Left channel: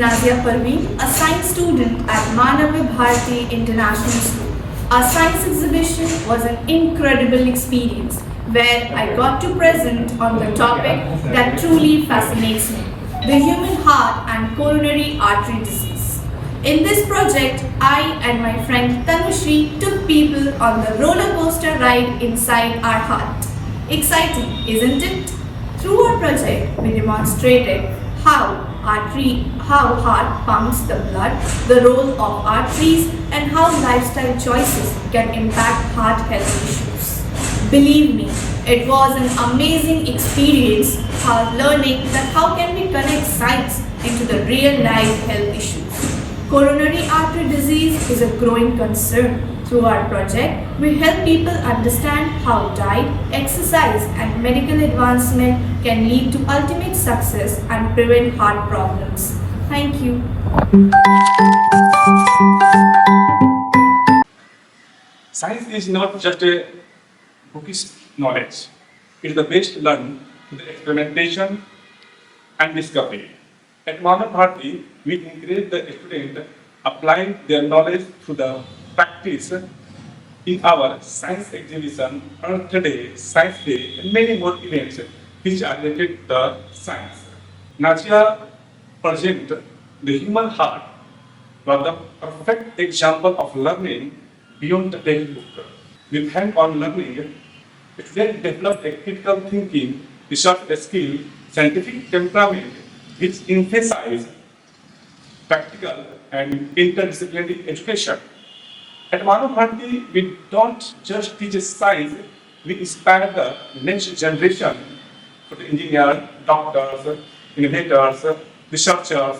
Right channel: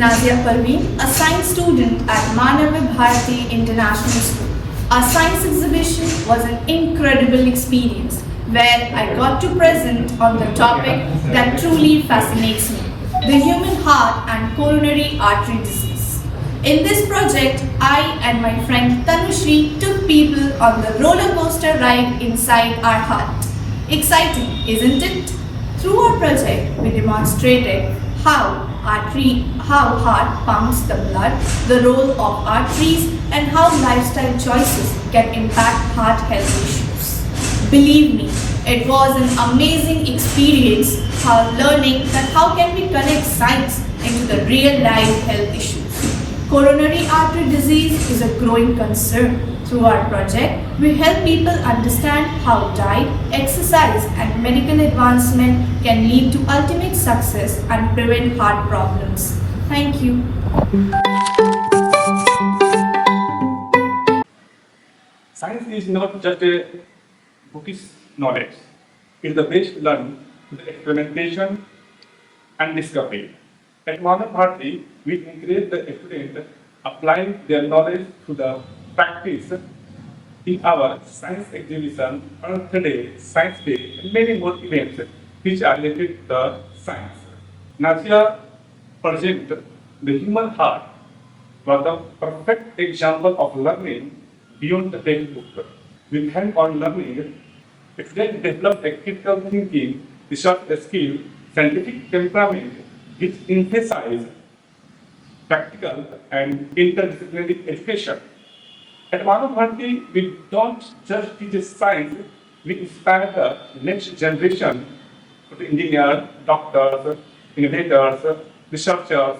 Nazia Parween, a science student at Manava Bharati International School. Our science exhibition was an incredible experience where I got to present on the topic that truly fascinates me, the human heart and coronary artery disease. In this project, I and my friend Tanushri took people on the roller coaster ride inside our heart. Exciting, isn't it? Through our project, we demonstrated how heart pumps the blood, the role of arteries, and how lifestyle choices can impact heart health issues. Believe me, it was an amazing experience learning that how can we connect science into the real life health issues. Coronary artery disease is a growing concern. Through our project, we help people understand how diet, exercise, and medical advancement can lead to ultimate success and prevent heart problems. Thank you. Science is not just a bookish knowledge. It is the best learned through the experimentation and discovery. At Manava Bharati, we encourage the student applying their knowledge through the practice in our science exhibition, Earth Day, Science Day, and many more events which are related to the science. Nazia present the human heart was the perfect example of learning beyond the textbook. With hand-on learning, students developed a critical thinking, research skill, scientific temperament, which emphasize practical and interdisciplinary education. At Manava Bharati, we don't just teach science, we inspire the next generation for the engineers, doctors, innovators, researchers,